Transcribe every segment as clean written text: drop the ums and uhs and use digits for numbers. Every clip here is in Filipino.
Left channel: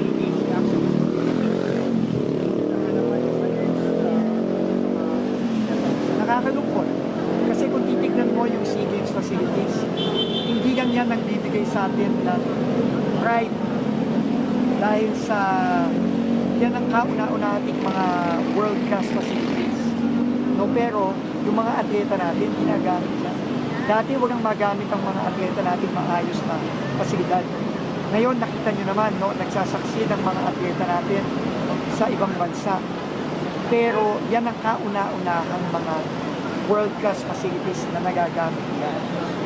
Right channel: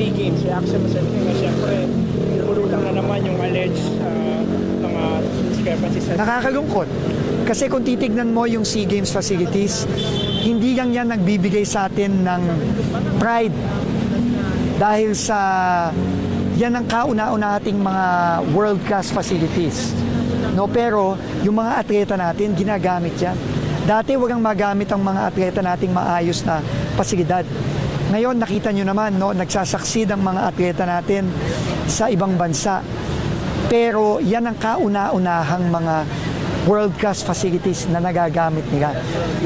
SEA Games, reaction mo sa na siyempre, nabulutan na naman yung alleged mga discrepancies. Nakakalungkot. Kasi kung titignan mo yung SEA Games facilities, hindi lang yan nagbibigay sa atin ng pride. Dahil sa yan ang kauna-una ating mga world-class facilities. No, pero yung mga atleta natin, ginagamit yan. Dati walang magamit ang mga atleta nating maayos na pasilidad. Ngayon, nakita nyo naman, no, nagsasaksid ang mga atleta natin sa ibang bansa. Pero yan ang kauna-unahang mga world-class facilities na nagagamit nila.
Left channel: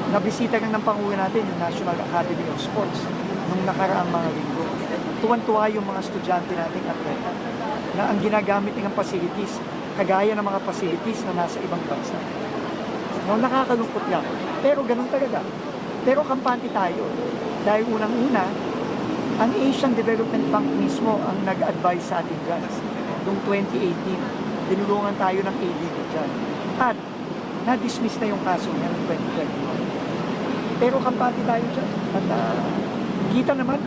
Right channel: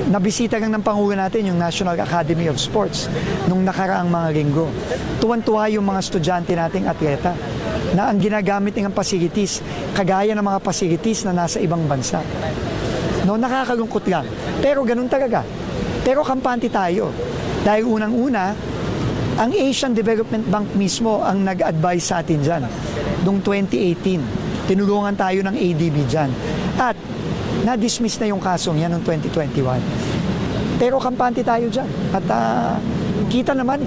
Nabisita lang ng Pangulo natin yung National Academy of Sports nung nakaraang mga linggo. Tuwan-tuwa yung mga estudyante nating atleta na ang ginagamit ng facilities, kagaya ng mga facilities na nasa ibang bansa. No, nakakalungkot lang. Pero ganun talaga. Pero kampante tayo. Dahil unang-una, ang Asian Development Bank mismo ang nag-advise sa atin dyan. Noong 2018, tinulungan tayo ng ADB dyan. At na-dismiss na yung kasong yan noong 2021. Pero kampante tayo dyan. At kita naman,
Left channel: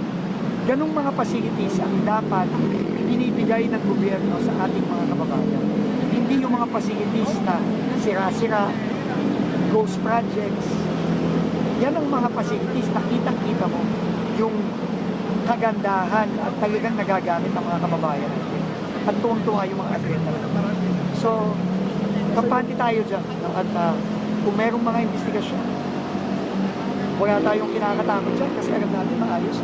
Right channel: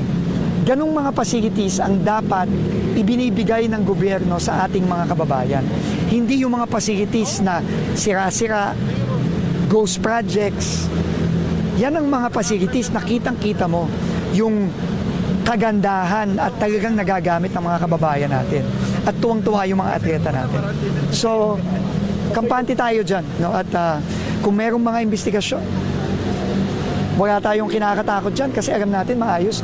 ganong mga facilities ang dapat ibinibigay ng gobyerno sa ating mga kababayan. Hindi yung mga facilities na sira-sira, ghost projects. Yan ang mga facilities na kitang-kita mo yung kagandahan at talagang nagagamit ng mga kababayan natin. At tuwang-tuwa yung mga atleta natin. So, kampante tayo dyan. No? At kung merong mga investigasyon, wala tayong kinakatakot dyan kasi alam natin maayos.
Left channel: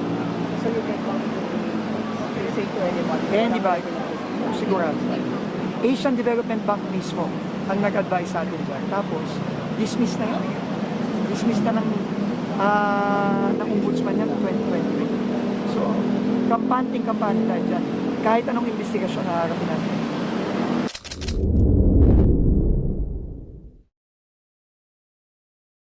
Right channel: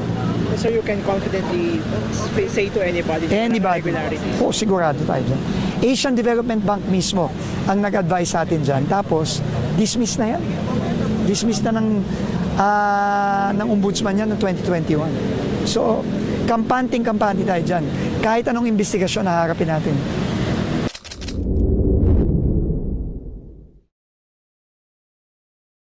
So you can confidently say to anybody irregularities? Oo, sigurado tayo dyan. Asian Development Bank mismo ang nag-advise sa atin dyan. Tapos, dismiss na yan. Dismiss na ng ombudsman yan noong 2021. So, kampante tayo dyan. Kahit anong investigasyon na harapin natin.